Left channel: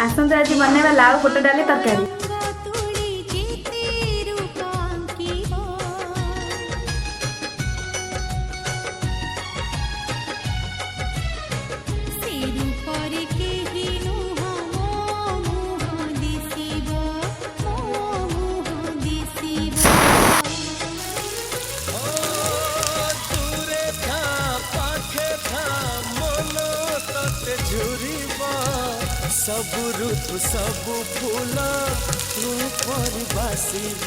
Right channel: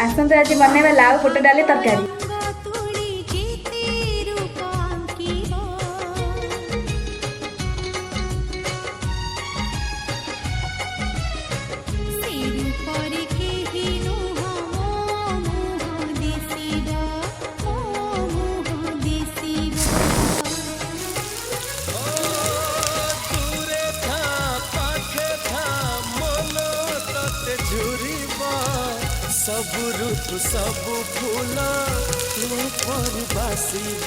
आसंते आज बनेଇବା लाउ बुट डाली तरकारी। सब ऋतु सब फूल तू पर बासिब।